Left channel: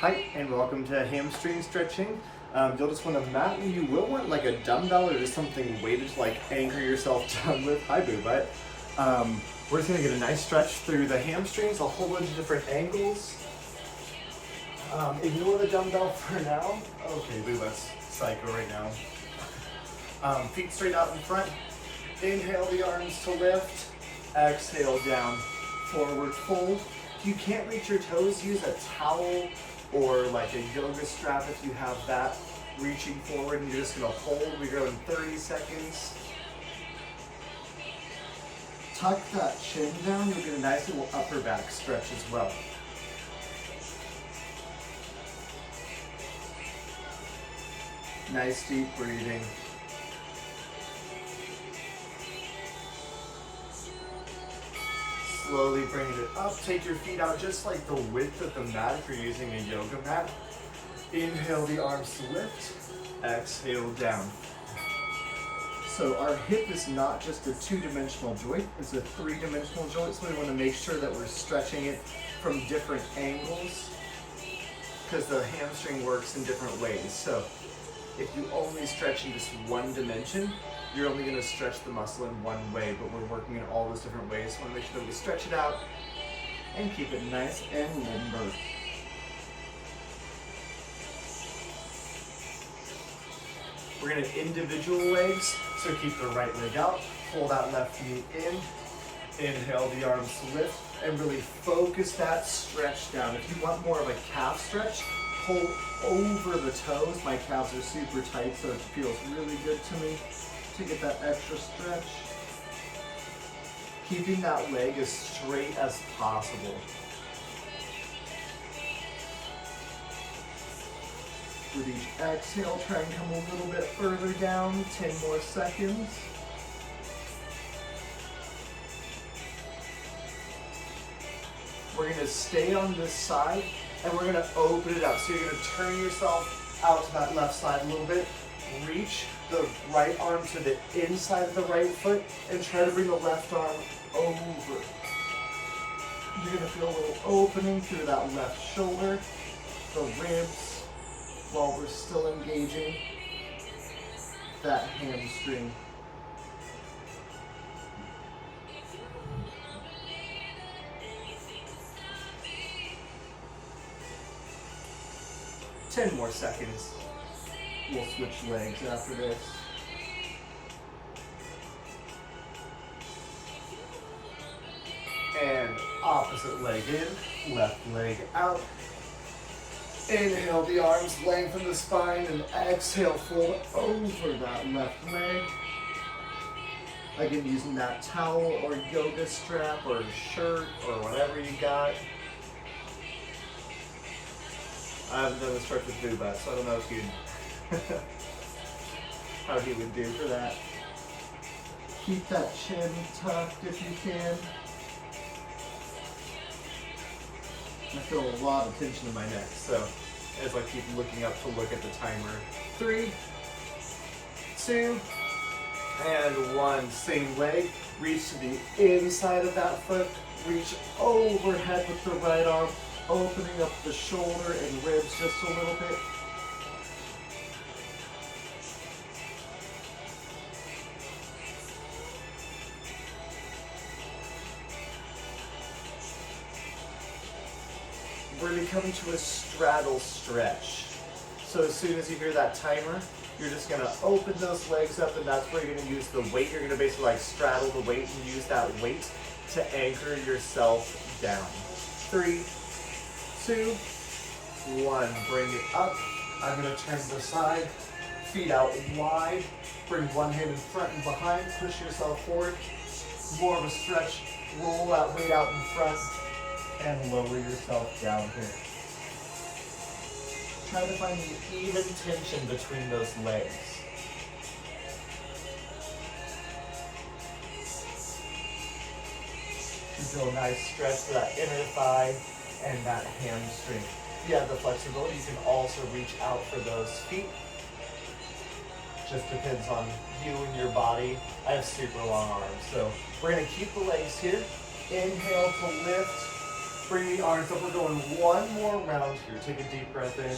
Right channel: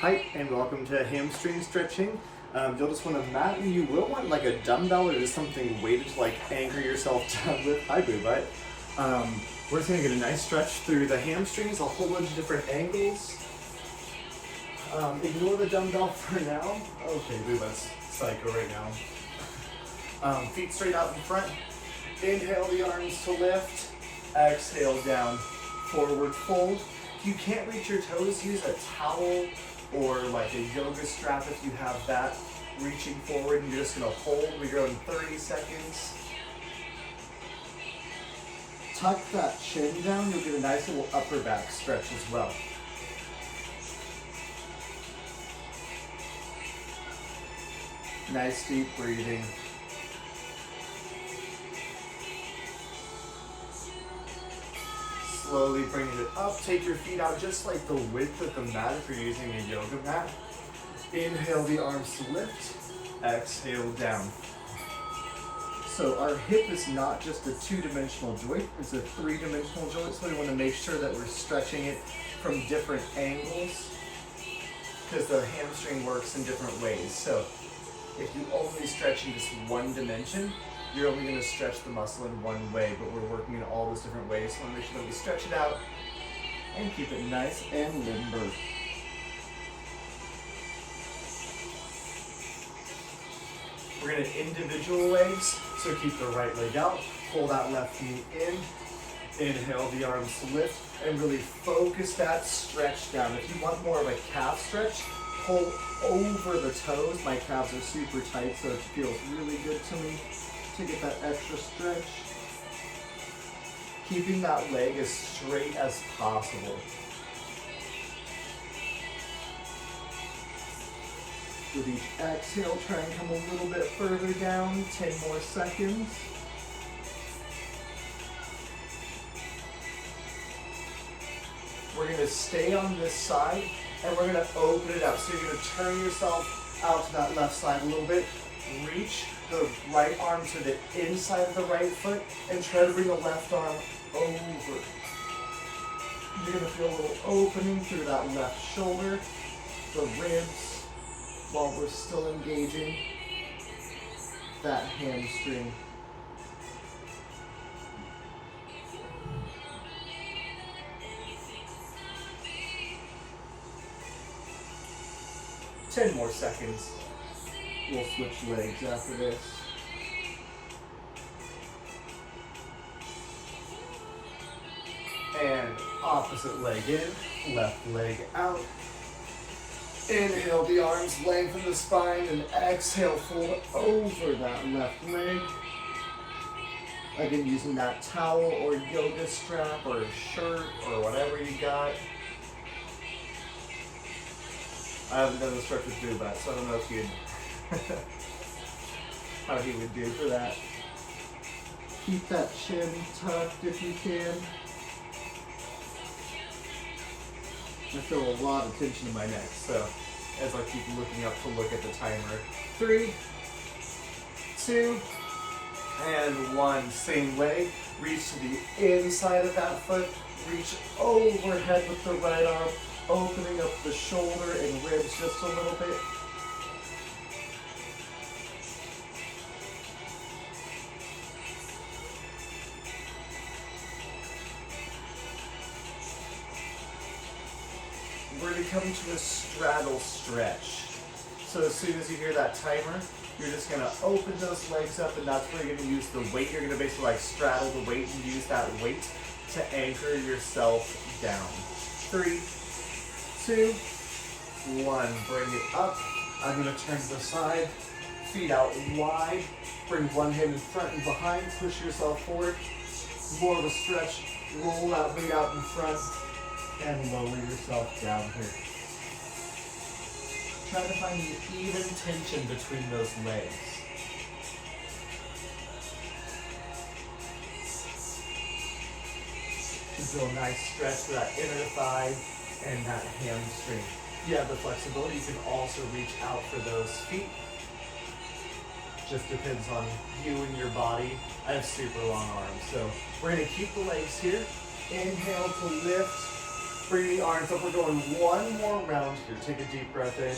Hi, and welcome to Hamstring Stretching. You'll just want a mat, and you will want like a dumbbell or just something weighted to like anchor yourself down with. Hi, boo butt. We're just gonna get a nice stretch through the hamstrings, a whole bunch of different angles. Ignore the dumbbell for now. Okay, boo butt's psycho right now. Feet straight out in front. Inhale the arms to lift. Exhale down, forward fold. If you can't reach your toes, use a towel or like a yoga strap if you have that. Reaching forward, and you're just gonna hold. We go in 30 seconds. Tuck that chin down, you'll get a nice little upper back stretch as well. Nice deep breathing. Slowly bringing it up. Take your feet out just like the width of the mat if you're using a yoga mat. Inhale the arms to lift. Exhale down. So our hip is not just a two-dimensional joint, it's a three-dimensional joint, so we want to make sure that we're stretching it from different angles because the hamstring works in different ways. So if you only stretch in just one dimension, you're only going to stretch the muscle in one way, but we're working in all those different ways. So I want to make sure that we stretch it out and keep it nice and limber. We're going to individual legs, so keep the right leg out, pull that left knee in, inhale the arms to lift, and really focus that stretch down. If you want more of a calf stretch, pull over the toes. My calves are super tight, so it feels really good to me to get that extra stretch. Keeping that leg as straight as possible. With each exhale, try and come a little bit further down, 10 more seconds. We're gonna stay on this side and we're gonna open it up. So you're gonna turn yourself out to that left side a little bit, reach the right arm to the inside of the right foot and try to bring the left arm over. You're gonna feel a little opening through that left shoulder, the ribs, while we're still engaging that hamstring. Ten more seconds. We'll switch legs after this. And opposite leg in, left leg out. Inhale the arms, lengthen the spine, and exhale, fold over that left leg. Again, using that towel or yoga strap or shirt or whatever you got. I haven't done a stretch with boo butt, so I don't know if how he would do for that. Keep that chin tucked if you can. I feel a lot of tension in my neck, so as I keep looking up to look at the timer. 3, 2, and 1. Same leg. Reach to the inside of that foot. Reach overhead with the right arm, opening up the shoulder and ribs just a little bit. We're going to come to a straddle stretch. So as soon as you hear that timer, you're just going to open those legs up, and that's where you're going to use the weight. You're going to basically like straddle the weight and use that weight to anchor yourself down. 3, 2, 1. Bring it up. I'm going to turn to the side. Feet out wide. Bring one hand in front and behind. Push yourself forward. More of a stretch. Roll that weight out in front. And lower yourself down here. Try to find the even tension between those legs. You feel a nice stretch for that inner thigh and that hamstring. If you have the flexibility, you can also reach out for those feet. Just depends on you and your body. I have super long arms, so we're going to keep the legs here. Inhale to lift. Bring the arms up. We're going one more round here. Take a deep breath in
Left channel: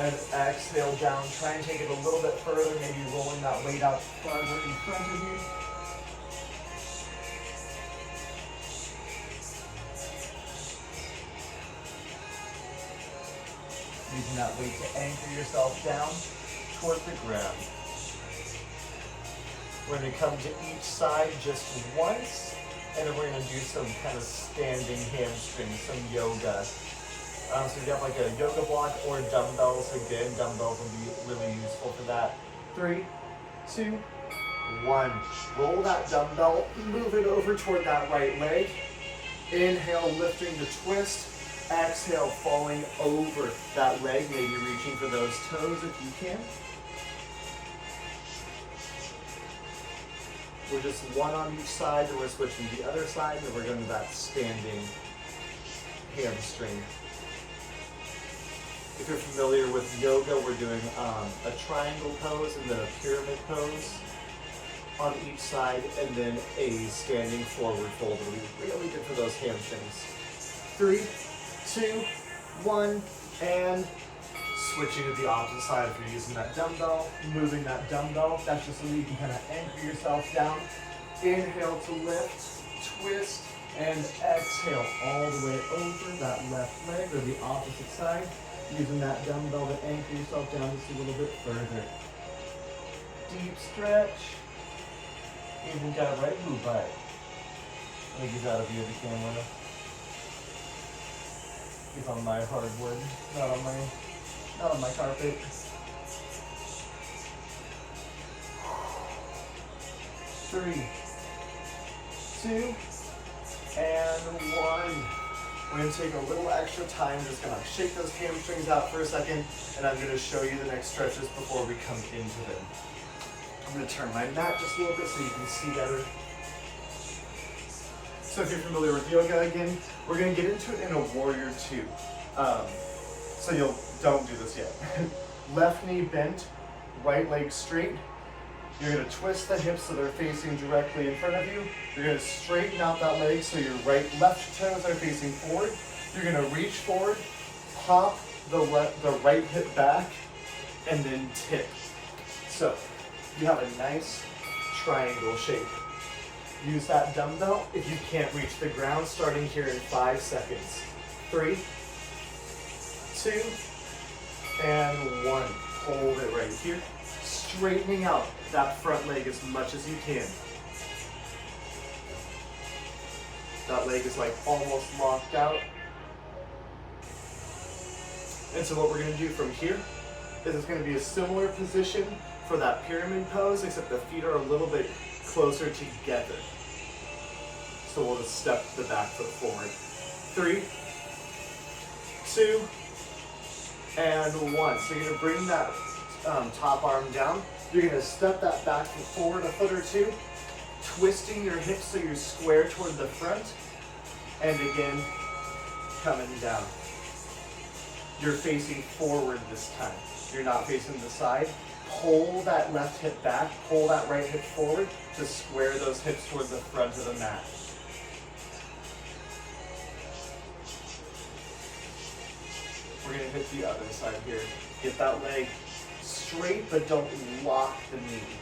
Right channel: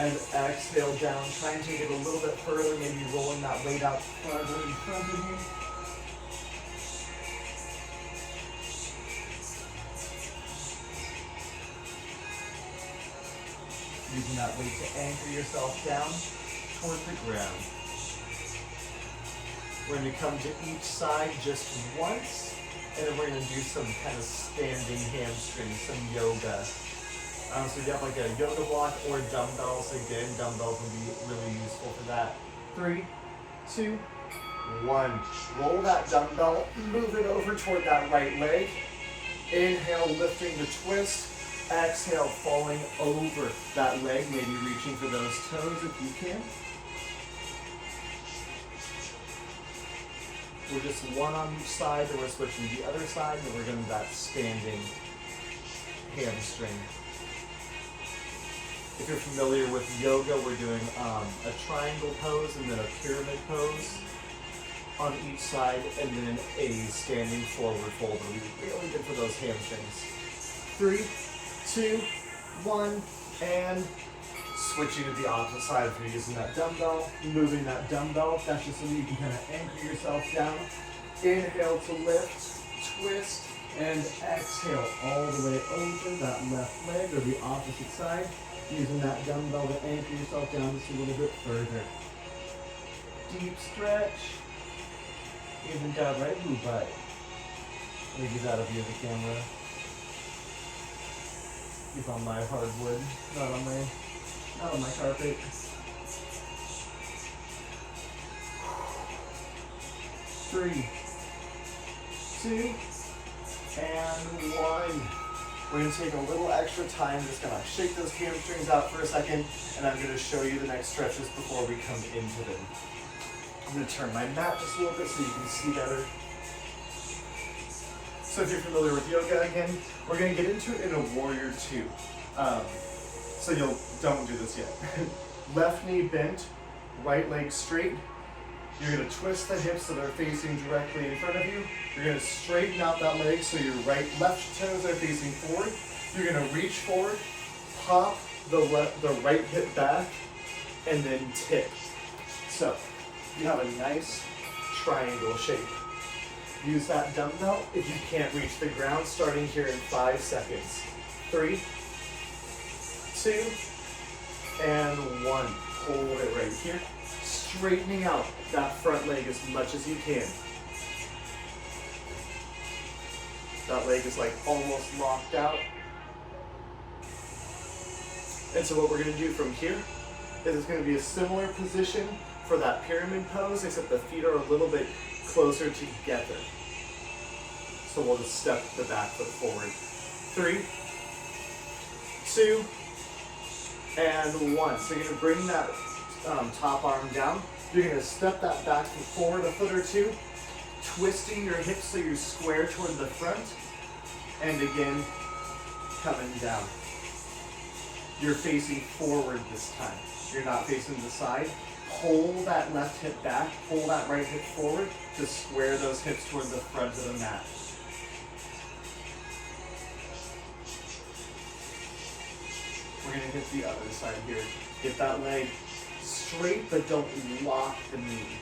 and exhale down. Try and take it a little bit further, maybe rolling that weight out farther in front of you. Using that weight to anchor yourself down toward the ground. We're going to come to each side just once, and then we're going to do some kind of standing hamstrings, some yoga. So if you have like a yoga block or dumbbells, again, dumbbells would be really useful for that. 3, 2, 1. Roll that dumbbell, move it over toward that right leg. Inhale, lifting the twist. Exhale, falling over that leg, maybe reaching for those toes if you can. We're just one on each side, and we're switching to the other side, and we're going to that standing hamstring. If you're familiar with yoga, we're doing a triangle pose and then a pyramid pose on each side, and then a standing forward fold. Really good for those hamstrings. 3, 2, 1, and switching to the opposite side. If you're using that dumbbell, moving that dumbbell, that's just so you can kind of anchor yourself down. Inhale to lift, twist, and exhale all the way over that left leg or the opposite side. Using that dumbbell to anchor yourself down just a little bit further. Deep stretch. Even got right move by. Let me get out of view of the camera. Keep on my hardwood, not on my carpet. 3, 2, and 1. We're going to take a little extra time, just going to shake those hamstrings out for a second, and I'm going to show you the next stretches before we come into them. I'm going to turn my mat just a little bit so you can see better. So if you're familiar with yoga again, we're going to get into it in a warrior 2. So don't do this yet. Left knee bent, right leg straight. You're going to twist the hips so they're facing directly in front of you. You're going to straighten out that leg so your left toes are facing forward. You're going to reach forward, pop the right hip back, and then tip. So you have a nice triangle shape. Use that dumbbell if you can't reach the ground, starting here in 5 seconds. 3, 2, and 1. Hold it right here. Straightening out that front leg as much as you can. That leg is like almost locked out. And so what we're going to do from here is it's going to be a similar position for that pyramid pose, except the feet are a little bit closer together. So we'll just step the back foot forward. 3, 2, and 1. So you're going to bring that top arm down. You're going to step that back foot forward a foot or two, twisting your hips so you're square toward the front, and again, coming down. You're facing forward this time. You're not facing the side. Pull that left hip back, pull that right hip forward to square those hips toward the front of the mat. We're going to hit the other side here. Get that leg straight, but don't lock the knee.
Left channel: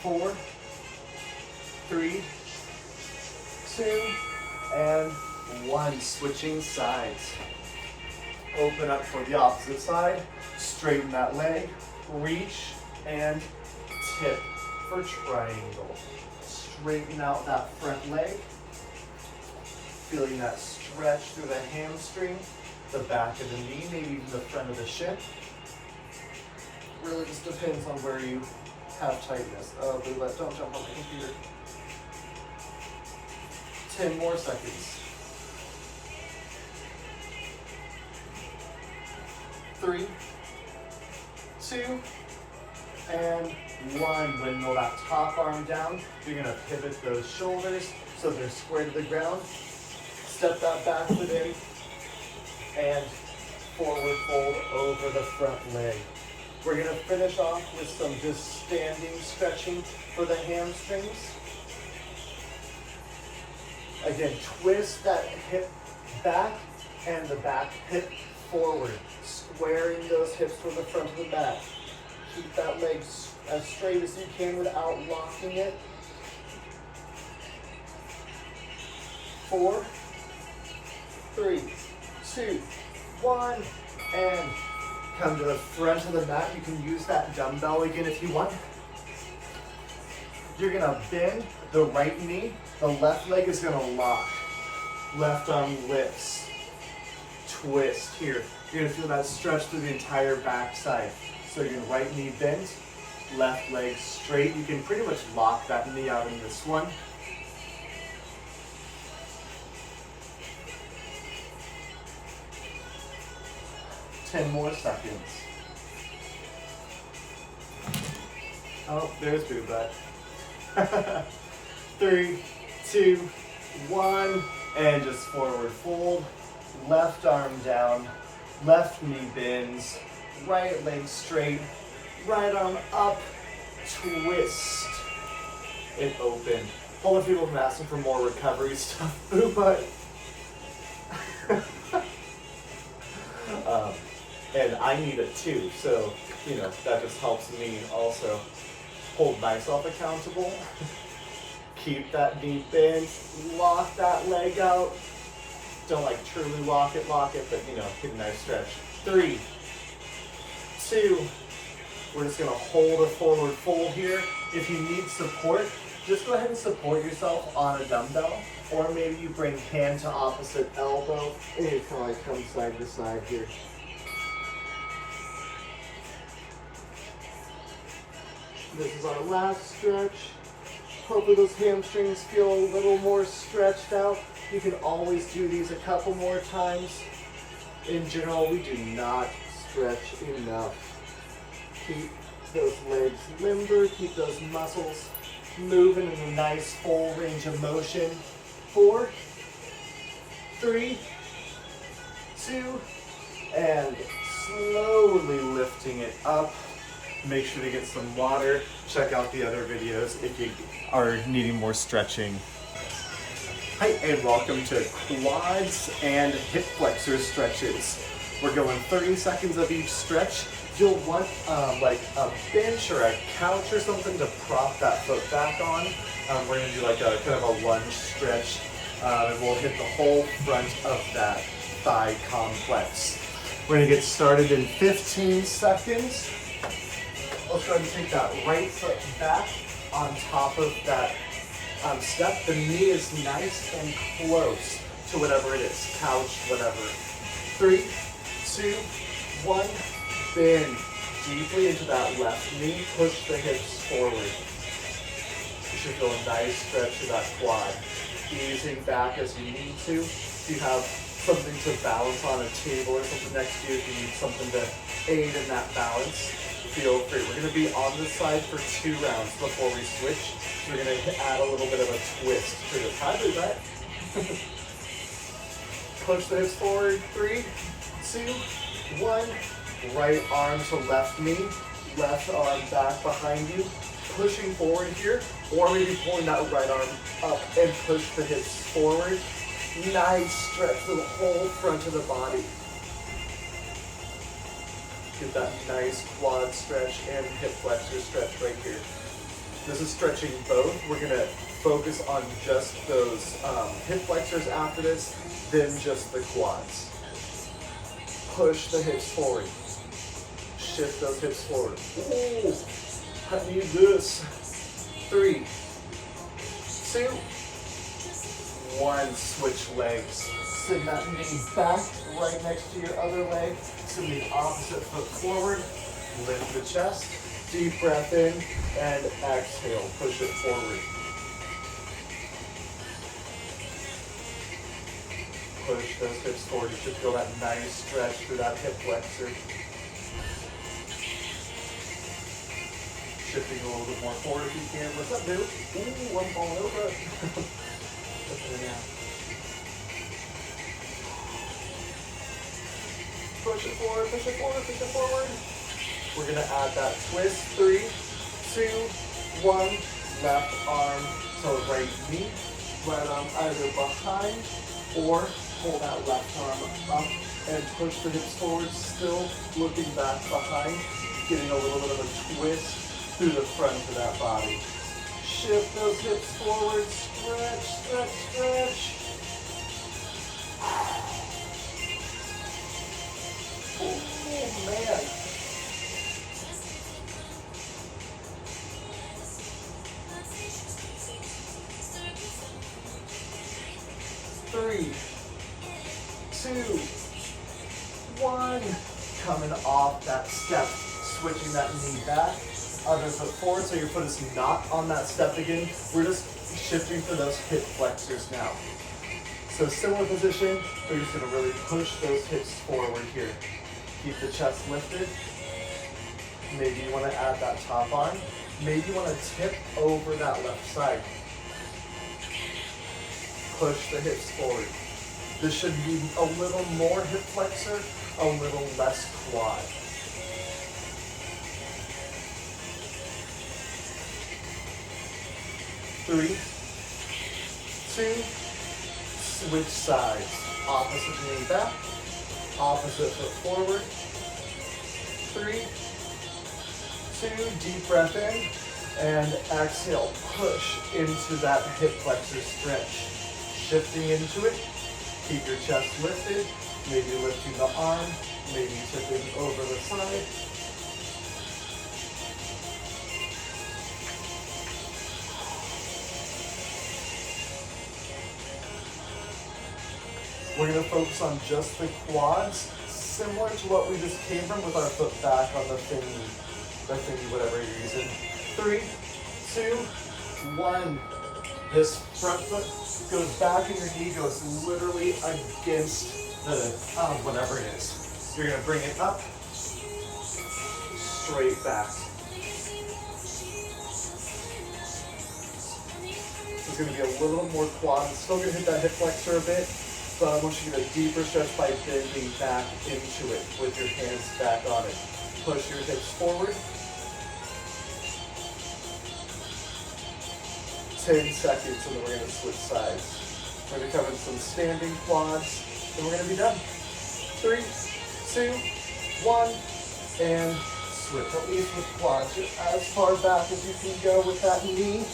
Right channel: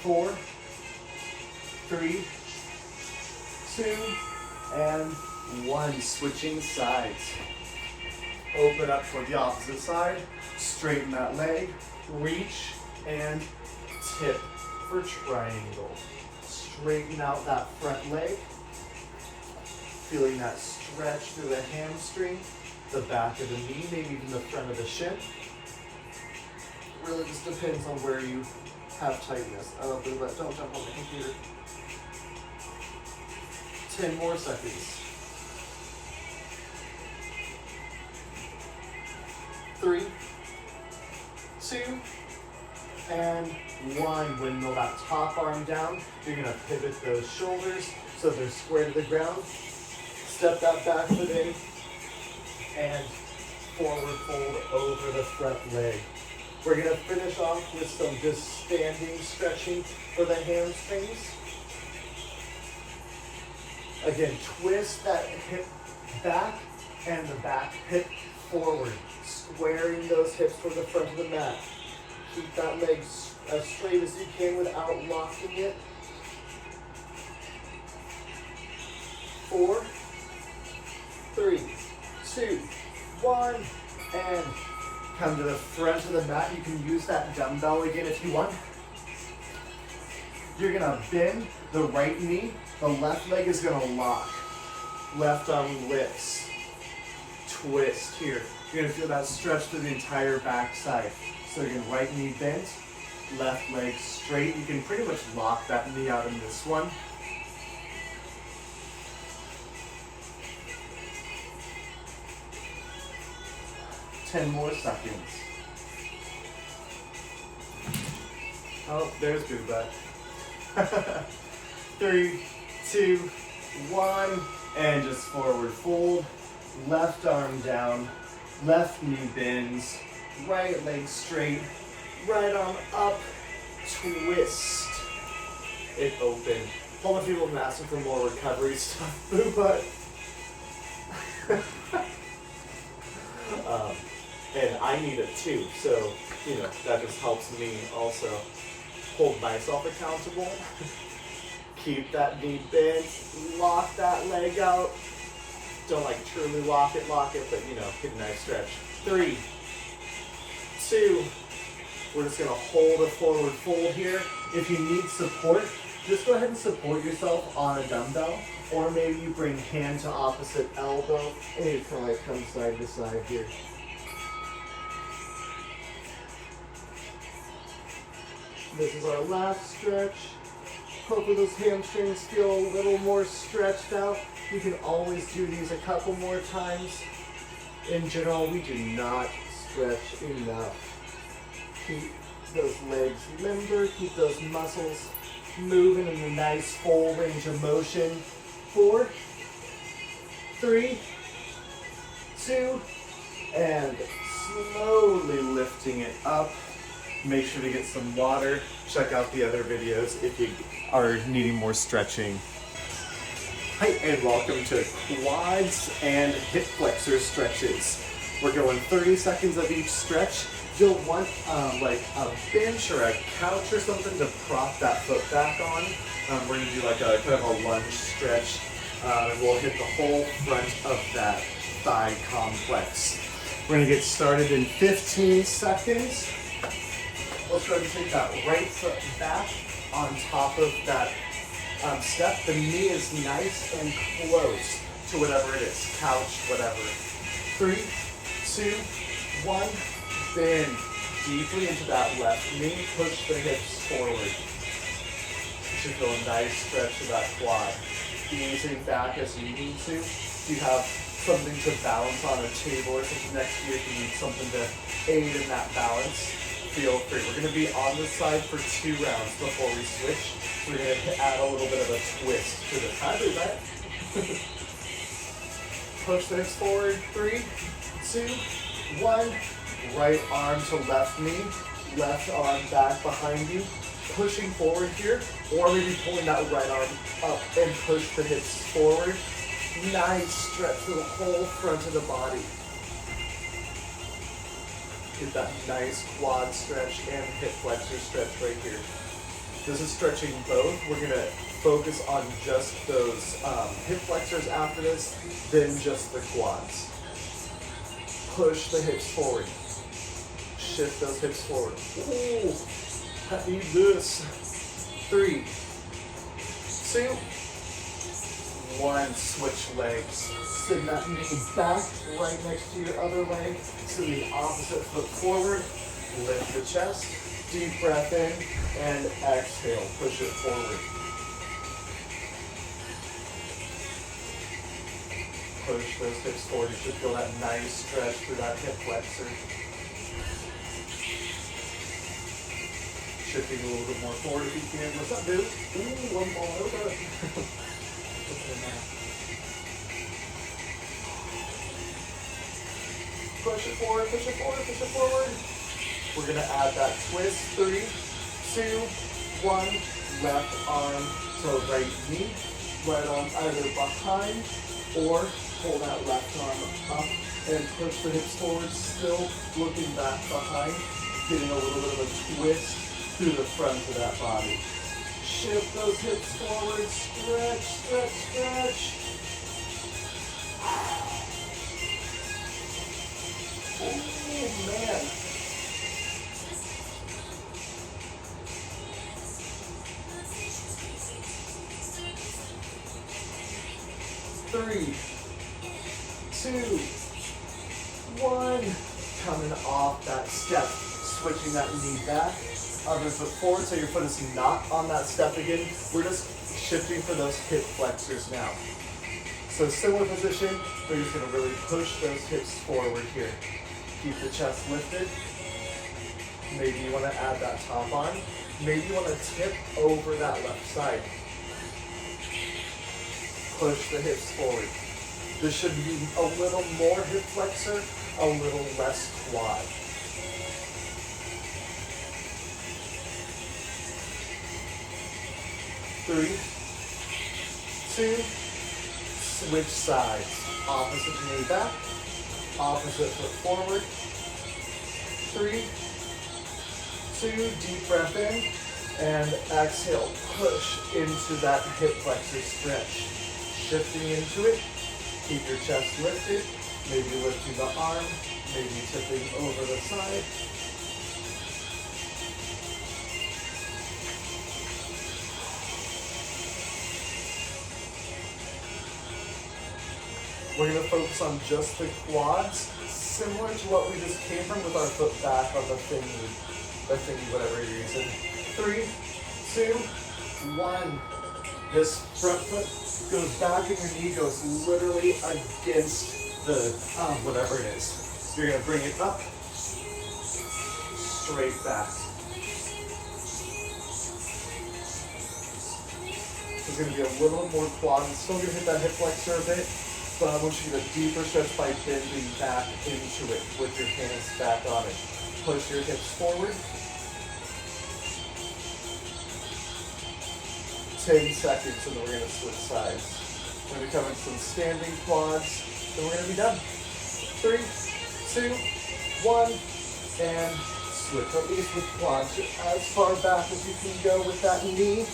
4, 3, 2, and 1. Switching sides. Open up toward the opposite side. Straighten that leg. Reach and tip for triangle. Straighten out that front leg. Feeling that stretch through the hamstring, the back of the knee, maybe even the front of the shin. Really just depends on where you have tightness. Oh, but don't jump on the computer. 10 more seconds. 3, 2, and 1. Windmill that top arm down. You're going to pivot those shoulders so they're square to the ground. Step that back foot in and forward fold over the front leg. We're going to finish off with some just standing stretching for the hamstrings. Again, twist that hip back and the back hip forward, squaring those hips toward the front of the mat. Keep that leg as straight as you can without locking it. 4, 3, 2, 1, and come to the front of the mat. You can use that dumbbell again if you want. You're gonna bend the right knee, the left leg is gonna lock. Left arm lifts. Twist here. You're gonna feel that stretch through the entire back side. So you're gonna right knee bent, left leg straight. You can pretty much lock that knee out in this one. Ten more seconds. Oh, there's boob back. 3, 2, 1, and just forward fold. Left arm down, left knee bends, right leg straight, right arm up, twist it open. A lot of people have been asking for more recovery stuff, but and I need it too, so that just helps me also hold myself accountable. Keep that knee bent, lock that leg out. Don't truly lock it, but get a nice stretch. 3, 2, we're just gonna hold a forward fold here. If you need support, just go ahead and support yourself on a dumbbell, or maybe you bring hand to opposite elbow, and you kind of come side to side here. This is our last stretch. Hopefully those hamstrings feel a little more stretched out. You can always do these a couple more times. In general, we do not stretch enough. Keep those legs limber, keep those muscles moving in a nice full range of motion. 4, 3, 2, and slowly lifting it up. Make sure to get some water. Check out the other videos if you are needing more stretching. Hi, and welcome to quads and hip flexor stretches. We're going 30 seconds of each stretch. You'll want a bench or a couch or something to prop that foot back on. We're gonna do a kind of a lunge stretch. We'll hit the whole front of that thigh complex. We're gonna get started in 15 seconds. We'll try to take that right foot back on top of that step. The knee is nice and close to whatever it is, couch, whatever. 3, 2, 1, bend deeply into that left knee, push the hips forward. You should feel a nice stretch of that quad. Easing back as you need to. If you have something to balance on a table or something next to you, if you need something to aid in that balance, feel free. We're going to be on this side for 2 rounds before we switch. We're going to add a little bit of a twist to the time. Right? Push this forward. 3, 2, 1. Right arm to left knee. Left arm back behind you. Pushing forward here. Or maybe pulling that right arm up and push the hips forward. Nice stretch through the whole front of the body. Get that nice quad stretch and hip flexor stretch right here. This is stretching both. We're gonna focus on just those hip flexors after this, then just the quads. Push the hips forward. Shift those hips forward. Ooh, I need this. 3, 2, 1, switch legs. Send that knee back right next to your other leg. Send the opposite foot forward. Lift the chest. Deep breath in and exhale. Push it forward. Push those hips forward. You should feel that nice stretch through that hip flexor. Shifting a little bit more forward if you can. What's up, dude? Ooh, one ball over. Look at it now. Push it forward, push it forward, push it forward. We're gonna add that twist. 3, 2, 1. Left arm to right knee. right arm either behind or pull that left arm up and push the hips forward, still looking back behind, getting a little bit of a twist through the front of that body. Shift those hips forward, stretch, stretch, stretch. Oh man. Three, two, one. Coming off that step, switching that knee back. Other foot forward, so your foot is not on that step again. We're just shifting for those hip flexors now. So similar position, we're just gonna really push those hips forward here. Keep the chest lifted. Maybe you wanna add that top arm. Maybe you wanna tip over that left side. Push the hips forward. This should be a little more hip flexor, a little less quad. Three, two, switch sides. Opposite knee back, opposite foot forward. Three, two, deep breath in, and exhale, push into that hip flexor stretch. Shifting into it, keep your chest lifted, maybe lifting the arm, maybe tipping over the side. We're going to focus on just the quads, similar to what we just came from with our foot back on the thingy, whatever you're using. 3, 2, 1. This front foot goes back and your knee goes literally against the, whatever it is. So you're going to bring it up, straight back. This is going to be a little more quad. It's still going to hit that hip flexor a bit, but I want you to get a deeper stretch by bending back into it with your hands back on it. Push your hips forward. 10 seconds, and then we're going to switch sides. We're going to come in some standing quads, and we're going to be done. 3, 2, 1, and switch. At least with quads, as far back as you can go with that knee.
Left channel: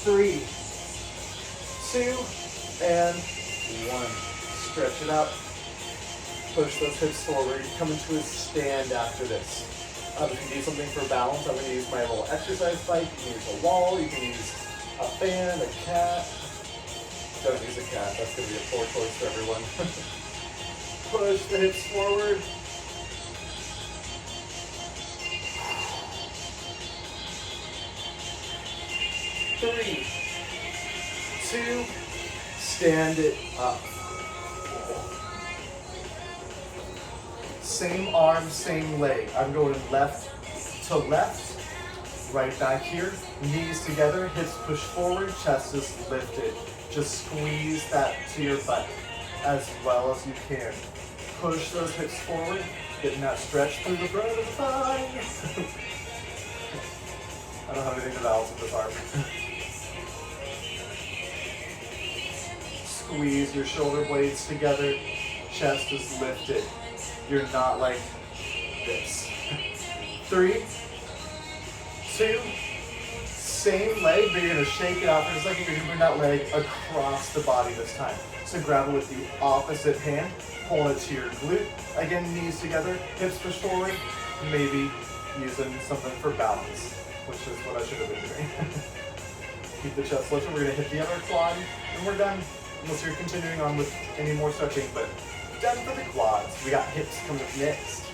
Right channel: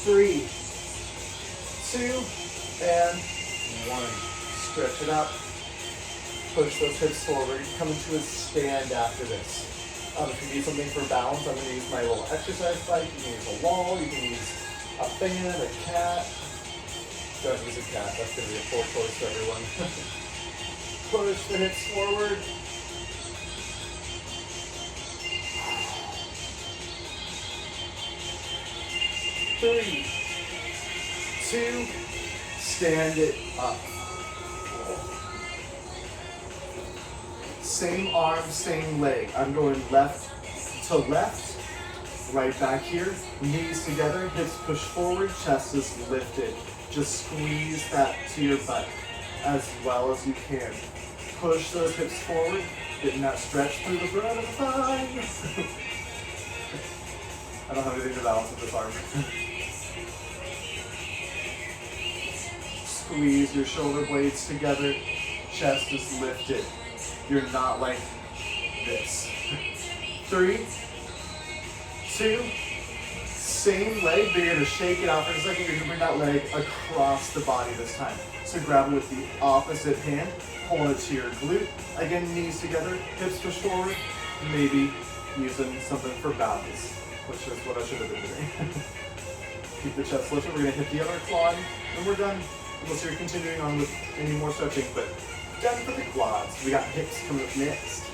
3, 2, and 1. Stretch it out. Push those hips forward. Come into a stand after this. If you need something for balance, I'm going to use my little exercise bike. You can use a wall. You can use a fan, a cat. Don't use a cat. That's going to be a poor choice for everyone. Push the hips forward. 3, 2, stand it up. Same arm, same leg. I'm going left to left, right back here. Knees together, hips push forward, chest is lifted. Just squeeze that to your butt as well as you can. Push those hips forward, getting that stretch through the front of the thighs. I don't have anything to balance with this arm. Squeeze your shoulder blades together, chest is lifted. You're not like this. 3, 2, same leg, but you're gonna shake it out for a second. You're gonna bring that leg across the body this time. So grab it with the opposite hand, pull it to your glute. Again, knees together, hips push forward, maybe using something for balance, which is what I should have been doing. Keep the chest lifted. We're gonna hit the other quad, and we're done. Unless you're continuing on with any more stretching, but done for the quads. We got hips coming up next.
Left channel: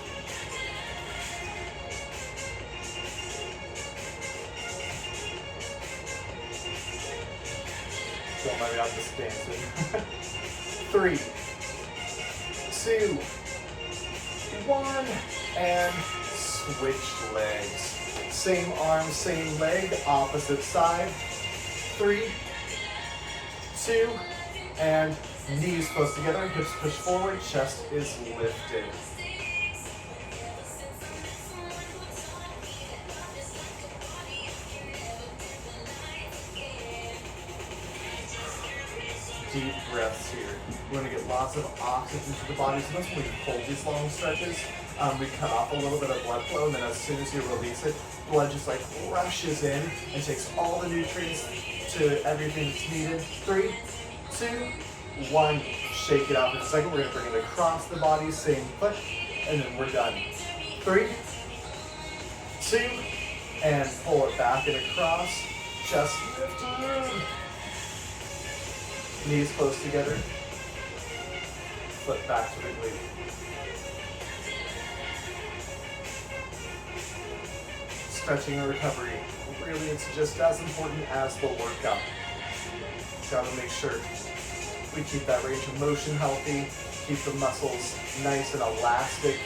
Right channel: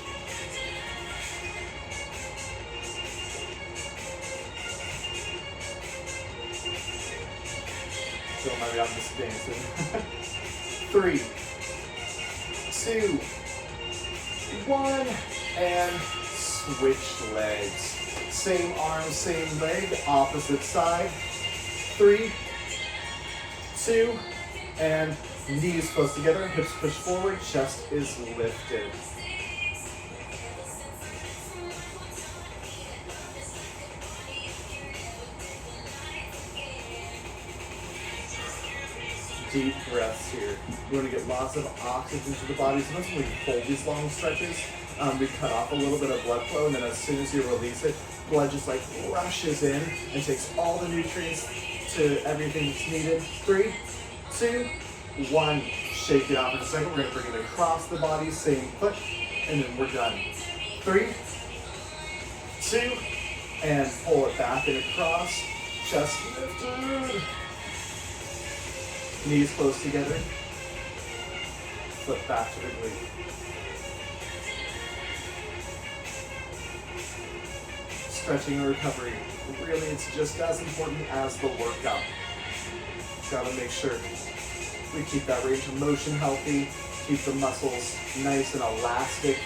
Don't mind me, I'm just dancing. 3, 2, 1, and switch legs. Same arm, same leg, opposite side. 3, 2, and knees close together, hips push forward, chest is lifted. deep breaths here. You want to get lots of oxygen to the body. Sometimes when we hold these long stretches, we cut off a little bit of blood flow, and then as soon as you release it, blood just like rushes in and takes all the nutrients to everything that's needed. 3, 2, 1. Shake it out in a second. We're going to bring it across the body, same foot, and then we're done. 3, 2, and pull it back and across. Chest lifted. Knees close together. Flip back to the glute. Stretching and recovery. Really, it's just as important as the workout. Just gotta make sure we keep that range of motion healthy, keep the muscles nice and elastic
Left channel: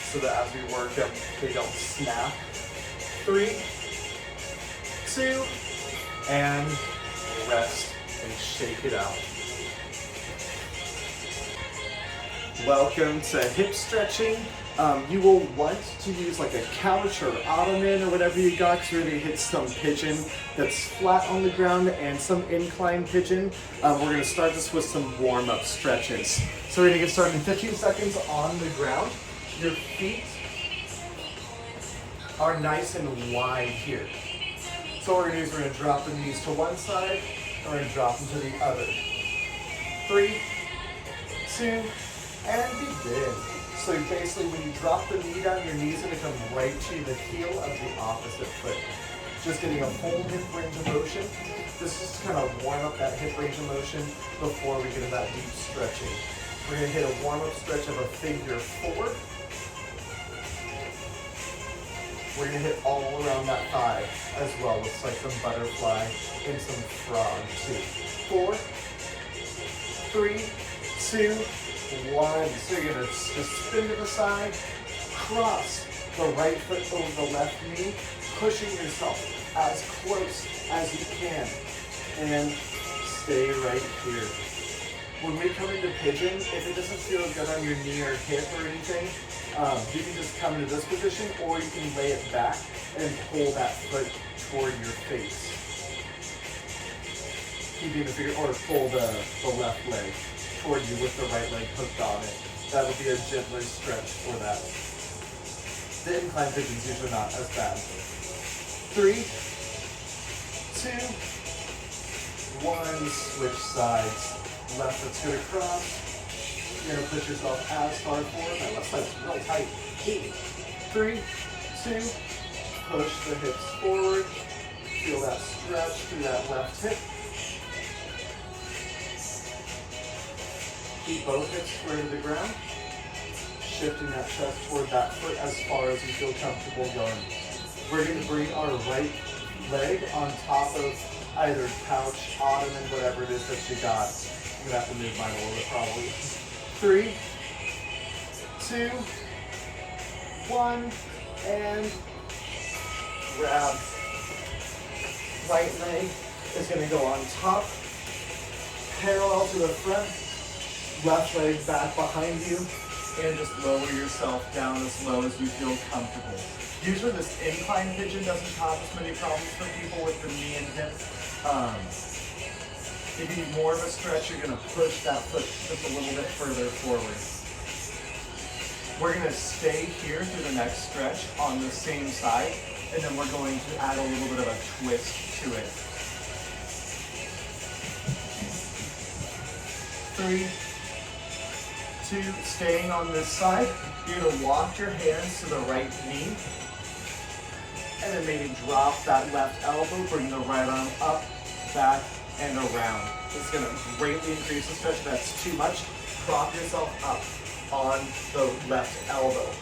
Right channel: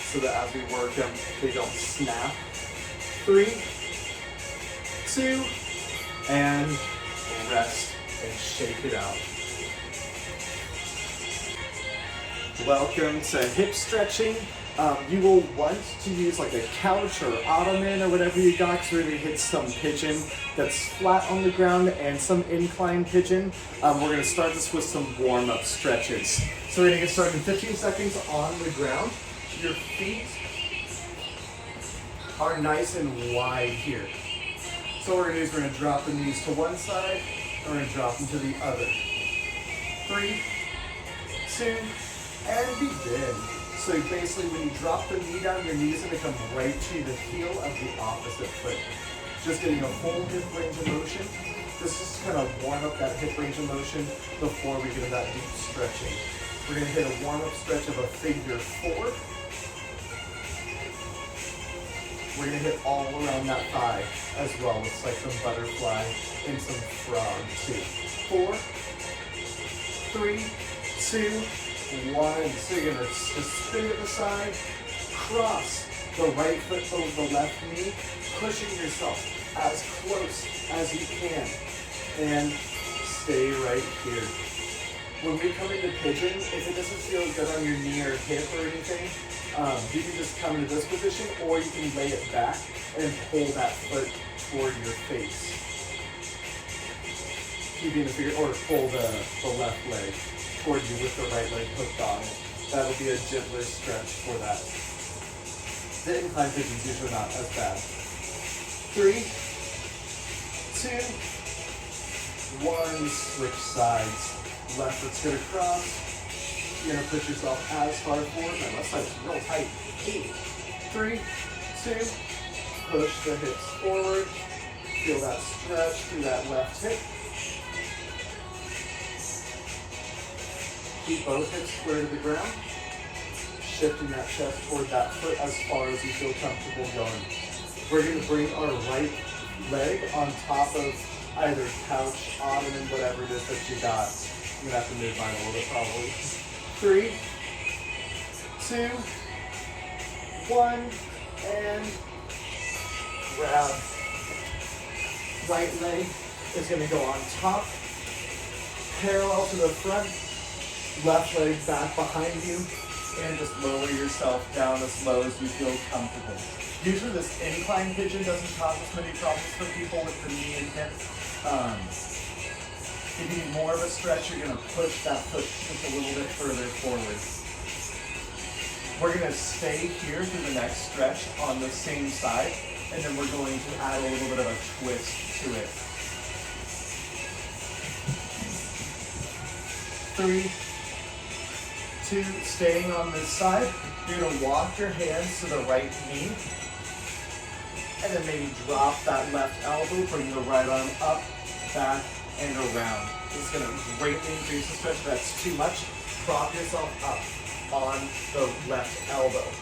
so that as we work them, they don't snap. 3, 2, and rest and shake it out. Welcome to hip stretching. You will want to use like a couch or ottoman or whatever you got, because we're going to hit some pigeon that's flat on the ground and some incline pigeon. We're going to start this with some warm-up stretches. So we're going to get started in 15 seconds on the ground. Your feet are nice and wide here. So what we're going to do is we're going to drop the knees to one side, and we're going to drop them to the other. 3, 2, and begin. So basically when you drop the knee down, your knee's going to come right to the heel of the opposite foot. Just getting a full hip range of motion. This is kind of warm up that hip range of motion before we get into that deep stretching. We're going to hit a warm-up stretch of a figure 4. We're going to hit all around that thigh as well. Looks like some butterfly and some frog too. 4, 3, 2, 1. So you're going to just spin to the side, cross the right foot over the left knee, pushing yourself as close as you can, and stay right here. When we come into pigeon, if it doesn't feel good on your knee or hip or anything, you can just come into this position, or you can lay it back and pull that foot toward your face. Keeping the figure, or pull the left leg toward you with the right leg hooked on it. That'll be a gentler stretch for that. The incline pigeon's usually not as bad. 3, 2, 1, switch sides. Left foot's good across. You're gonna push yourself as far forward. My left side's real tight. 3, 2, push the hips forward. Feel that stretch through that left hip. Keep both hips square to the ground. Shifting that chest toward that foot as far as you feel comfortable going. We're gonna bring our right leg on top of either couch, ottoman, whatever it is that you got. I'm gonna have to move mine a little bit probably. 3, 2, 1, and grab. Right leg is gonna go on top, parallel to the front, left leg back behind you, and just lower yourself down as low as you feel comfortable. Usually this incline pigeon doesn't cause as many problems for people with the knee and hip. If you need more of a stretch, you're going to push that foot just a little bit further forward. We're going to stay here through the next stretch on the same side, and then we're going to add a little bit of a twist to it. 3, 2, staying on this side. You're going to walk your hands to the right knee, and then maybe drop that left elbow, bring the right arm up, back, and around. This is going to greatly increase the stretch. If that's too much, prop yourself up on the left elbow.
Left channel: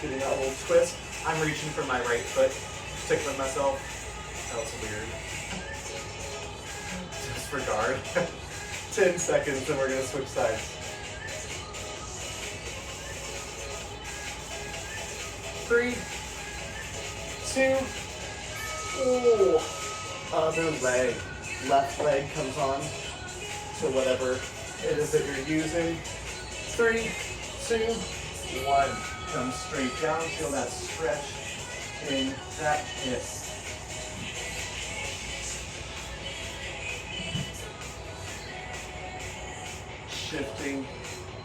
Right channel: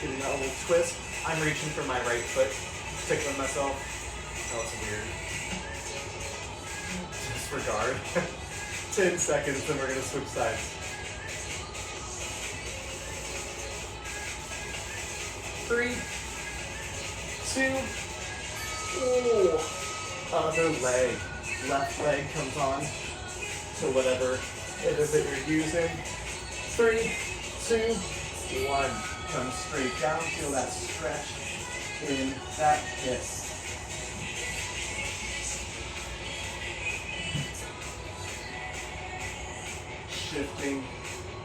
Getting a little twist. I'm reaching for my right foot, tickling myself. That was weird. Disregard. 10 seconds, and we're going to switch sides. 3, 2, oh, other leg. Left leg comes on to whatever it is that you're using. 3, 2, 1. Come straight down. Feel that stretch in that hip. shifting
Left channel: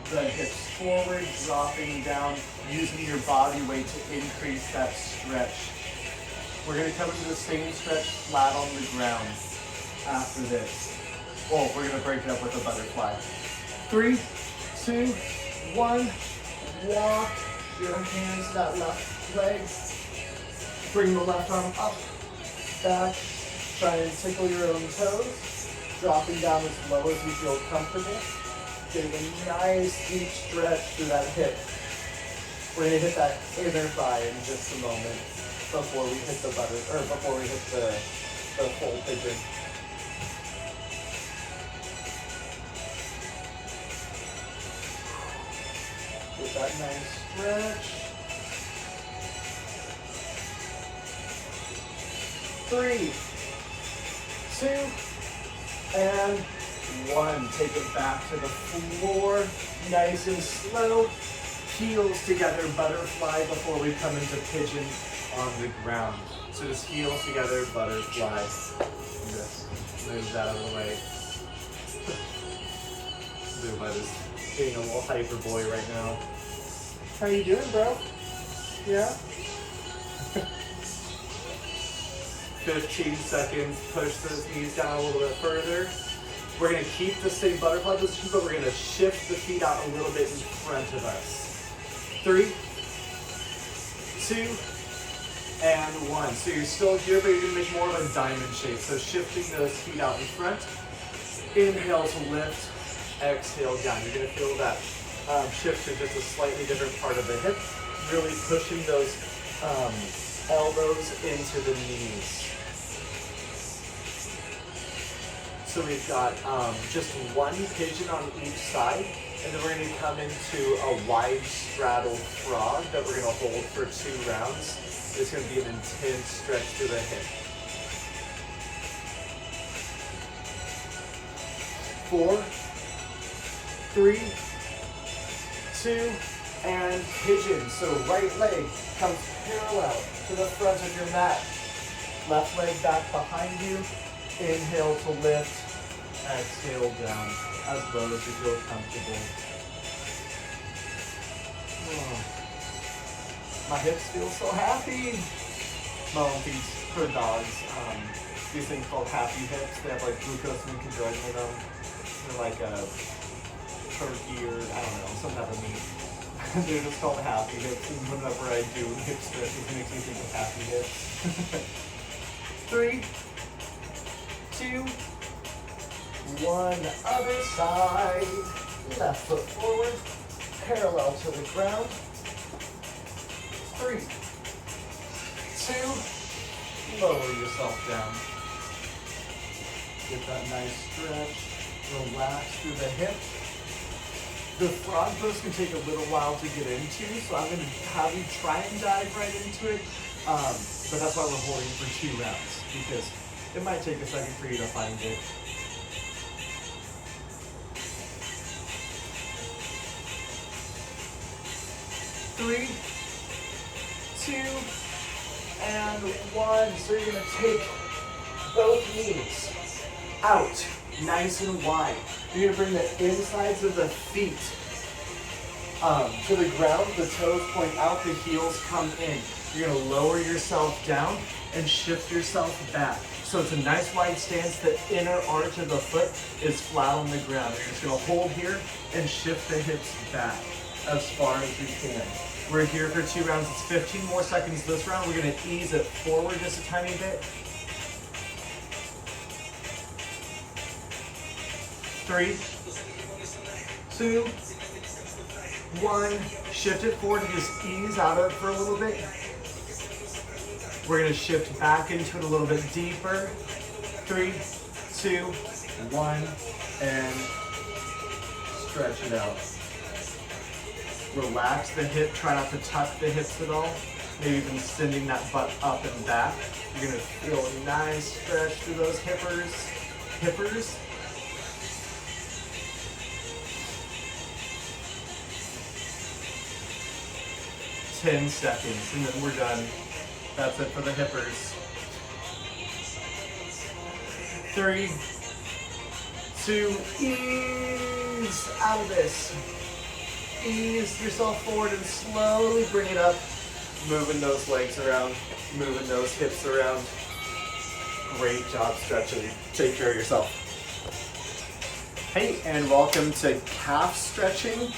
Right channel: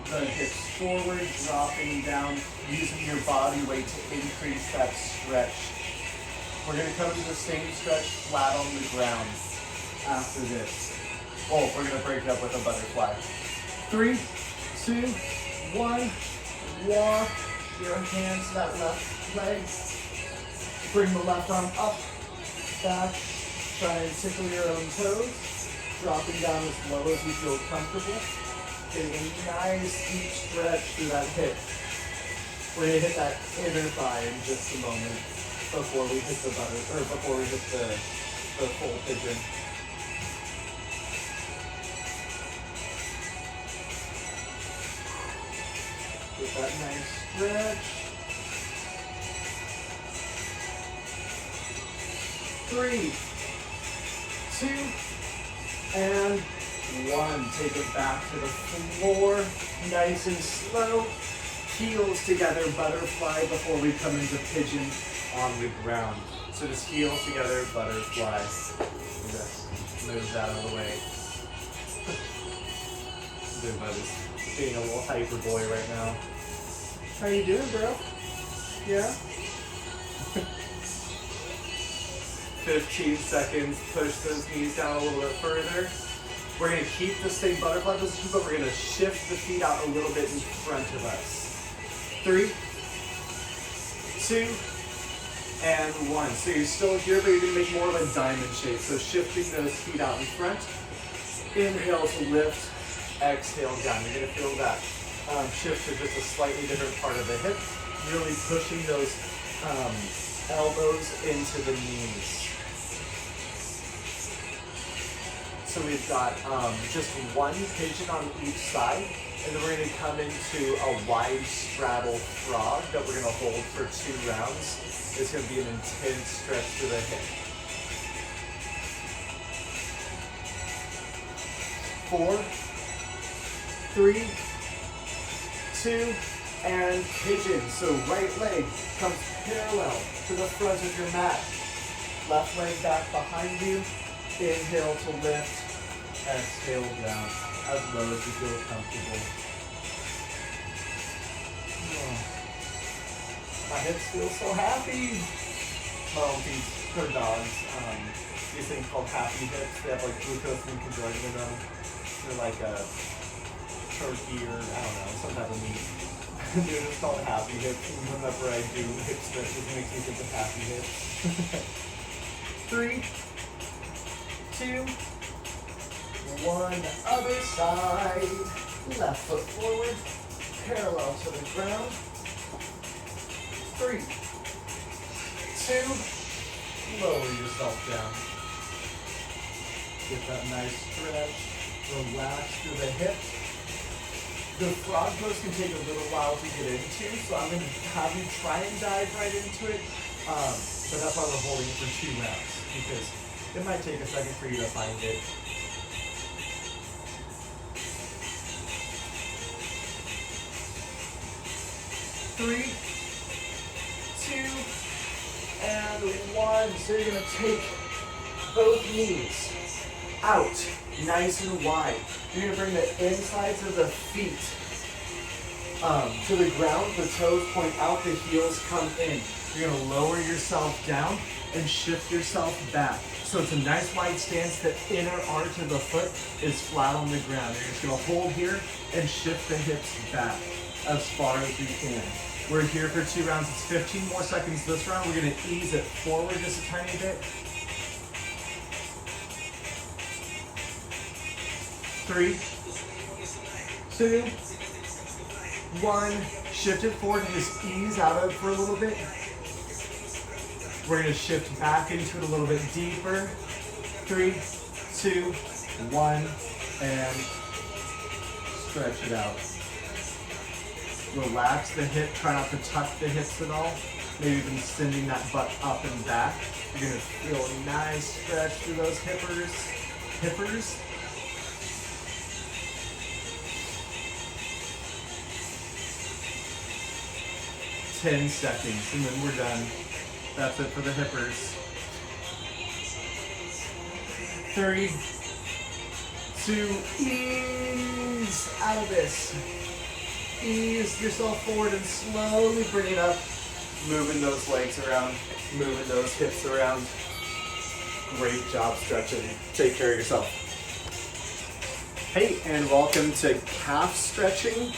the hips forward, dropping down, using your body weight to increase that stretch. We're gonna come into the same stretch flat on the ground after this. Oh, we're gonna break it up with a butterfly. 3, 2, 1, walk your hands to that left leg. Bring the left arm up, back, try and tickle your own toes, dropping down as low as you feel comfortable. Getting a nice deep stretch through that hip. We're gonna hit that inner thigh in just a moment before we hit the before we hit the full pigeon. Get that nice stretch. 3, 2, and 1. Take it back to the floor, nice and slow. Heels together, butterfly before we come into pigeon on the ground. So just heels together, butterfly. And just move that out of the way. Bud is being a little hyper boy right now. How you doing, bro? Yeah? 15 seconds, push those knees down a little bit further. We're gonna keep the same butterfly position, but we're gonna shift the feet out a little bit in front of us. 3, 2, and 1. So you're still here, but you're gonna make more of a diamond shape. So shifting those feet out in front. Inhale to lift, exhale down. You're gonna feel that shift to just a slightly different part of the hip, really pushing those elbows into the knees. So we've got just one pigeon on each side, and then we're going to come into a wide straddle frog that we're going to hold for 2 rounds. It's going to be an intense stretch through the hip. 4, 3, 2, and pigeon. So right leg comes parallel to the front of your mat. Left leg back behind you. Inhale to lift, exhale down, as low as you feel comfortable. Oh. My hips feel so happy. My mom thinks her dogs, these things called happy hips. They have like glucose and conversion in them. They're like a turkey or I don't know, some type of meat. They're just called happy hips. And whenever I do hip stretch, it makes me think of happy hips. 3, 2, 1, other side. Left foot forward, parallel to the ground. 3, 2, lower yourself down. Get that nice stretch, relax through the hips. The frog pose can take a little while to get into, so I'm going to have you try and dive right into it. But that's why we're holding it for 2 rounds, because it might take a second for you to find it. Three, 2, and 1. So you're going to take both knees out, nice and wide. You're going to bring the insides of the feet to the ground. The toes point out, the heels come in. You're going to lower yourself down and shift yourself back. So it's a nice wide stance. The inner arch of the foot is flat on the ground. You're just going to hold here and shift the hips back as far as you can. We're here for 2 rounds. It's 15 more seconds this round. We're going to ease it forward just a tiny bit. 3, 2, 1. Shift it forward and just ease out of it for a little bit. We're going to shift back into it a little bit deeper. 3, 2, 1, and stretch it out. Relax the hip. Try not to tuck the hips at all. Maybe even sending that butt up and back. You're going to feel a nice stretch through those hippers. 10 seconds, and then we're done. That's it for the hippers. 3, to ease out of this. Ease yourself forward and slowly bring it up. Moving those legs around, moving those hips around. Great job stretching. Take care of yourself. Hey, and welcome to calf stretching.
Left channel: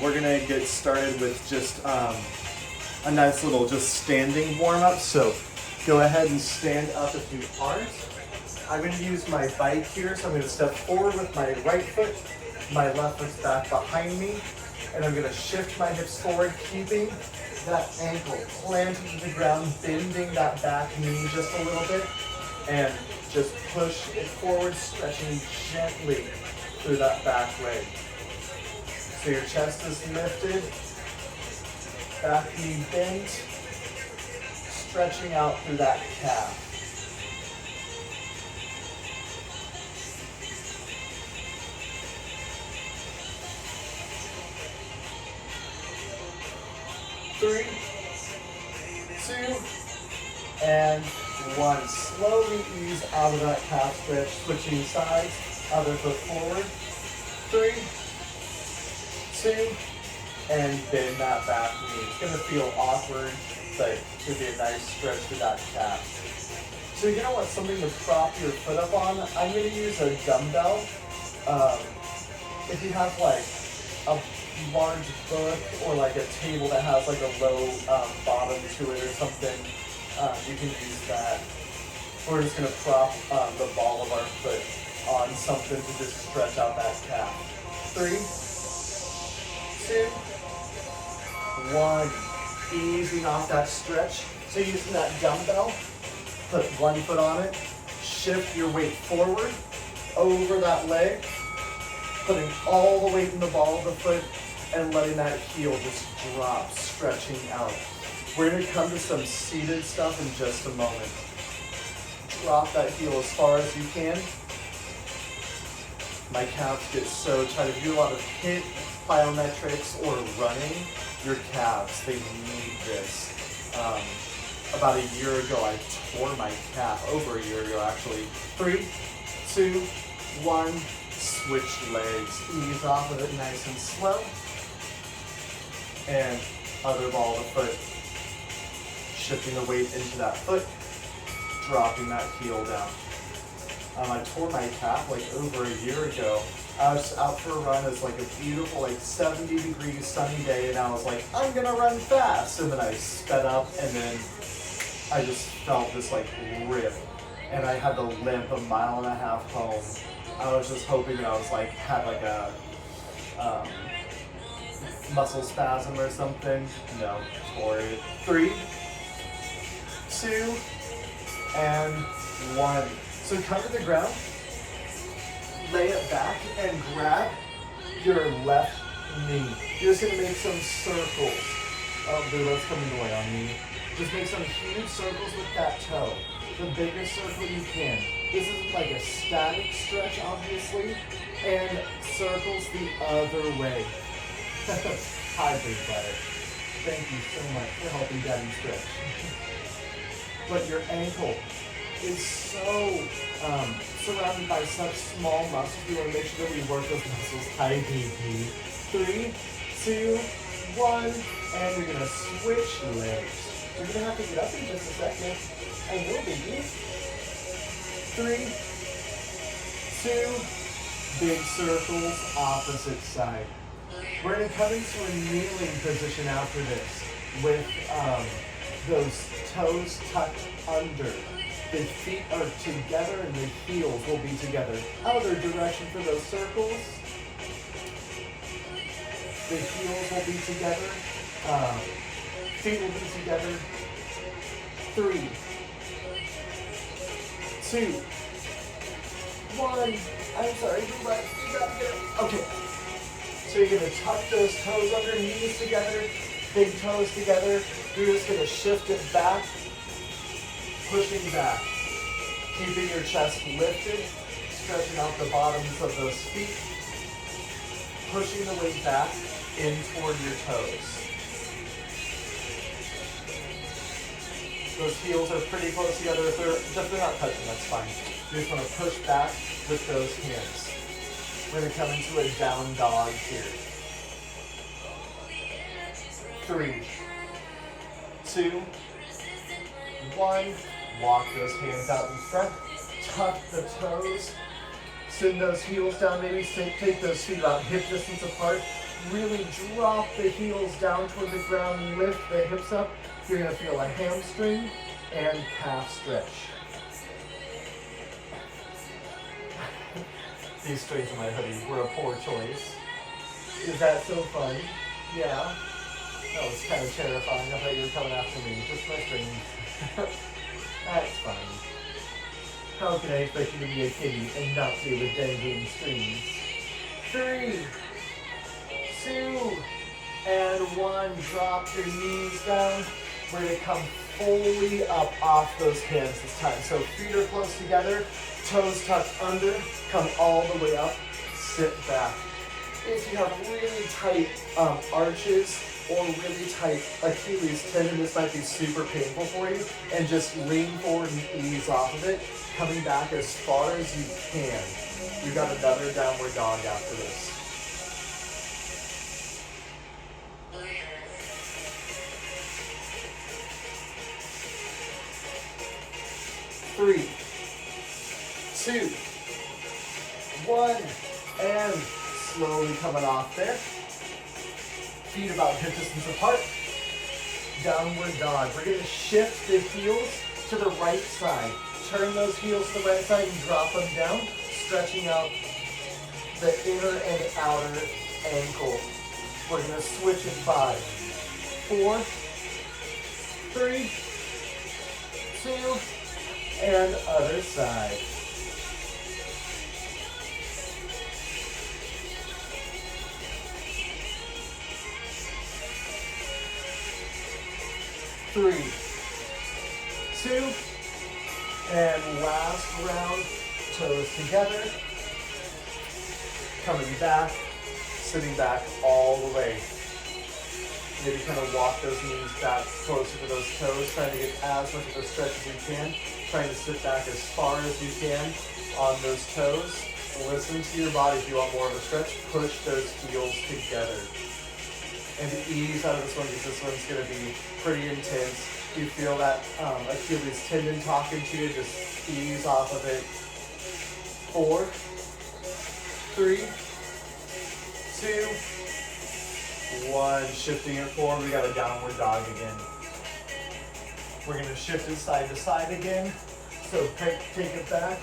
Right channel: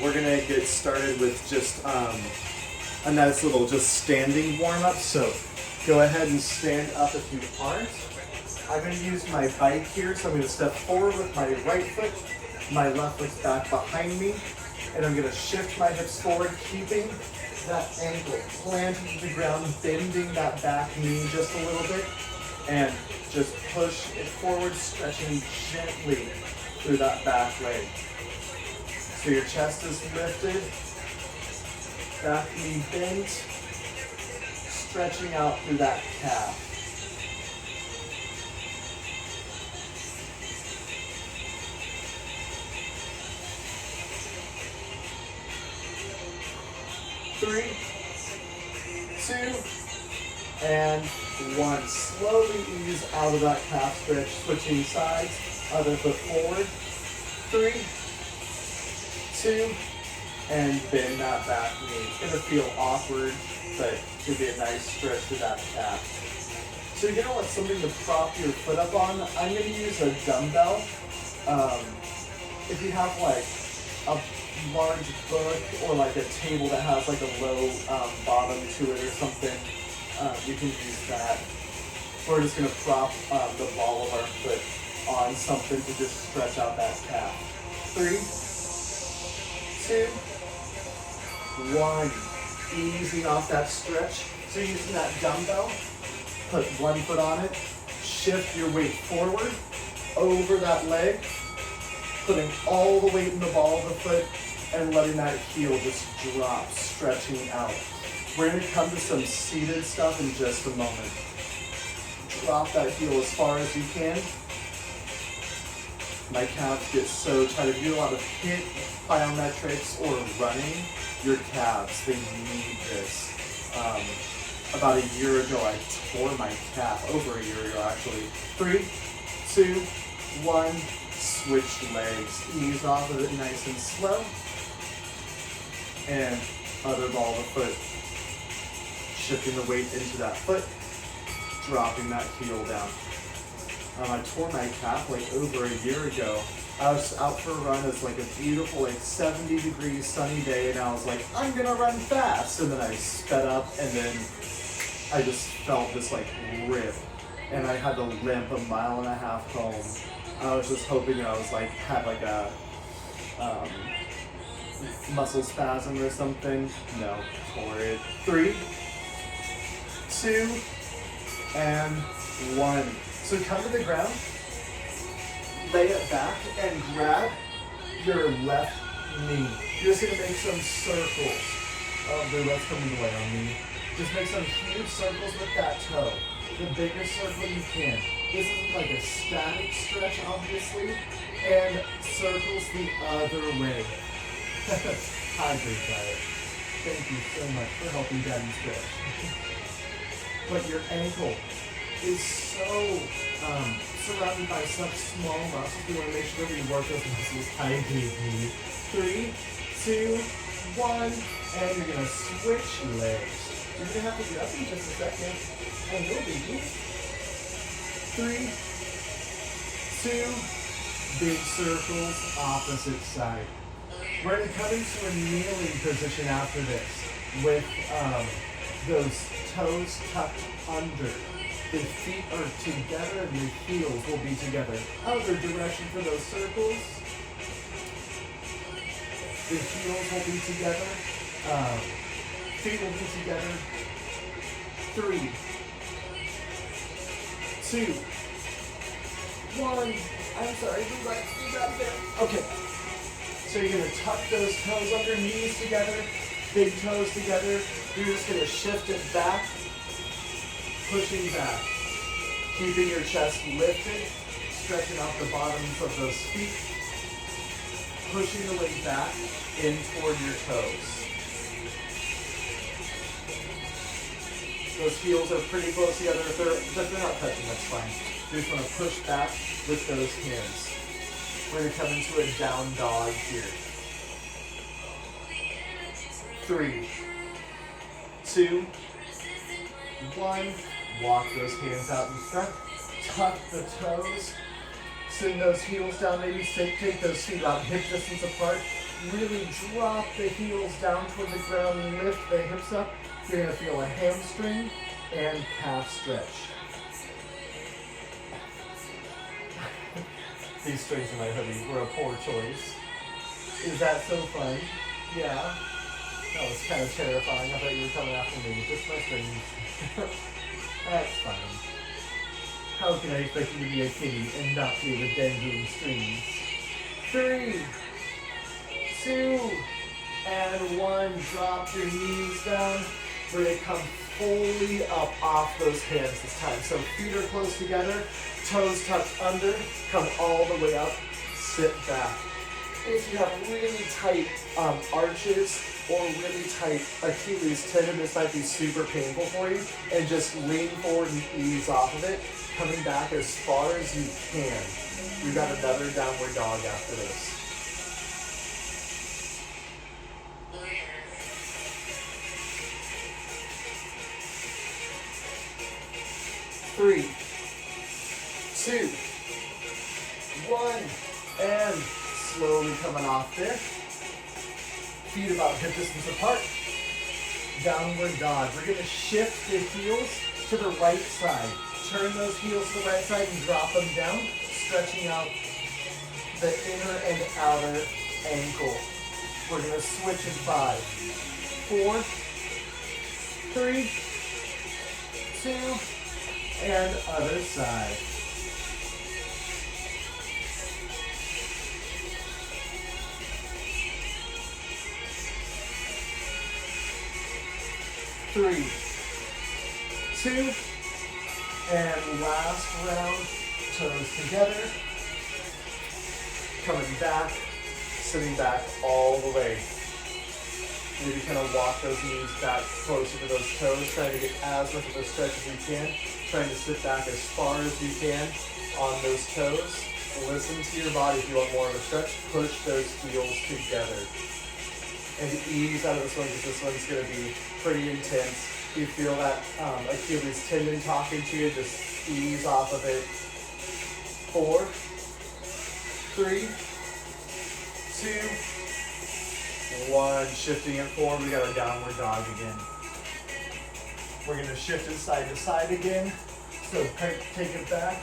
We're gonna get started with just a nice little just standing warm up. So go ahead and stand up if you aren't. I'm gonna use my bike here, so I'm gonna step forward with my right foot, my left foot's back behind me, and I'm gonna shift my hips forward, keeping that ankle planted to the ground, bending that back knee just a little bit, and just push it forward, stretching gently through that back leg. So your chest is lifted, back knee bent, stretching out through that calf. Three, two, and one. Slowly ease out of that calf stretch, switching sides, other foot forward. 3, 2, and bend that back knee. It's gonna feel awkward, but it should be a nice stretch to that calf. So you're gonna want something to prop your foot up on. I'm gonna use a dumbbell. If you have like a large book or like a table that has like a low bottom to it or something, you can use that. We're just going to prop the ball of our foot on something to just stretch out that calf. 3, 2, 1. Easing off that stretch. So using that dumbbell, put one foot on it, shift your weight forward over that leg, putting all the weight in the ball of the foot, and letting that heel just drop, stretching out. We're going to come to some seated stuff in just a moment. Drop that heel as far as you can. My calves get so tight. If you do a lot of HIIT, plyometrics, or running, your calves, they need this. About a year ago, I tore my calf, over a year ago actually. 3, 2, 1, switch legs. Ease off of it nice and slow. And other ball of the foot. Shifting the weight into that foot, dropping that heel down. I tore my calf like over a year ago. I was out for a run. It's like a beautiful, like 70 degrees sunny day, and I was like, I'm gonna run fast. And then I sped up, and then I just felt this like rip, and I had to limp 1.5 miles home. I was just hoping I was like, had like a muscle spasm or something. No, tore it. 3, 2, and 1. So come to the ground, lay it back, and grab your left knee. You're just gonna make some circles. Oh, the left's coming away on me. Just make some huge circles with that toe. The biggest circle you can. This is like a static stretch, obviously, and circles the other way. Hydrate diet. Thank you so much for helping Daddy stretch. But your ankle is so surrounded by such small muscles. We want to make sure that we work those muscles tightly. 3, 2, 1, and you're gonna switch legs. You're gonna have to get up in just a second, and no biggie. 3, 2, big circles, opposite side. We're going to come into a kneeling position after this with those toes tucked under. The feet are together and the heels will be together. Other direction for those circles. The heels will be together. Feet will be together. 3, 2, 1. I'm sorry, relax. You got it. Okay. So you're going to tuck those toes under, knees together, big toes together. You're just going to shift it back, pushing back, keeping your chest lifted, stretching out the bottoms of those feet, pushing the weight back in toward your toes. Those heels are pretty close together. If they're not touching, that's fine. You just want to push back with those hands. We're going to come into a down dog here. 3, 2, 1. Walk those hands out in front. Tuck the toes. Send those heels down. Maybe take those feet about hip distance apart. Really drop the heels down toward the ground. Lift the hips up. You're going to feel a hamstring and calf stretch. These strings in my hoodie were a poor choice. Is that so fun? Yeah. That was kind of terrifying. I thought you were coming after me. Just my strings. That's fine. How can I expect you to be a kitty and not be with dangling strings? 3, 2, and 1. Drop your knees down. We're going to come fully up off those hands this time. So feet are close together, toes tucked under, come all the way up, sit back. If you have really tight arches or really tight Achilles tendon, this might be super painful for you, and just lean forward and ease off of it, coming back as far as you can. We've got another downward dog after this. 3, 2, 1, and slowly coming off there. Feet about hip distance apart. Downward dog. We're going to shift the heels to the right side. Turn those heels to the right side and drop them down, stretching out the inner and outer ankle. We're going to switch in 5, 4, 3, 2, and other side. Three, 2, and last round, toes together, coming back, sitting back all the way. Maybe kind of walk those knees back closer to those toes, trying to get as much of a stretch as you can, trying to sit back as far as you can on those toes. Listen to your body. If you want more of a stretch, push those heels together. And ease out of this one, because this one's going to be pretty intense. If you feel that Achilles tendon talking to you, just ease off of it. 4, 3, 2, 1. Shifting it forward, we got a downward dog again. We're going to shift it side to side again. So take it back.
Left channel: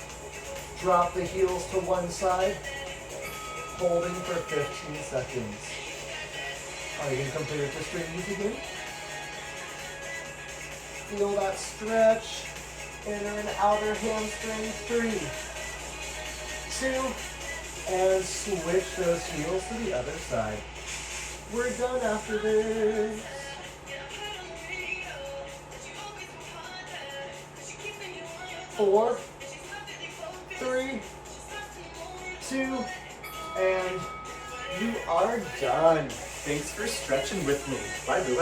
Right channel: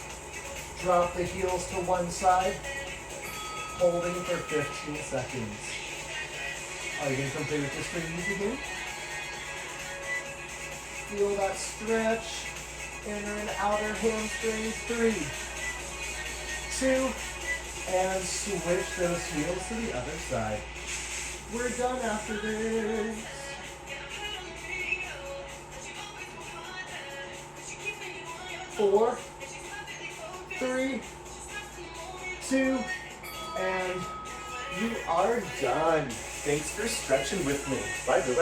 Drop the heels to one side. Holding for 15 seconds. Are you going to come through with your strings again? Feel that stretch. Inner and outer hamstring. 3, 2, and switch those heels to the other side. We're done after this. Four, 3, 2, and you are done. Thanks for stretching with me. Bye, Boo.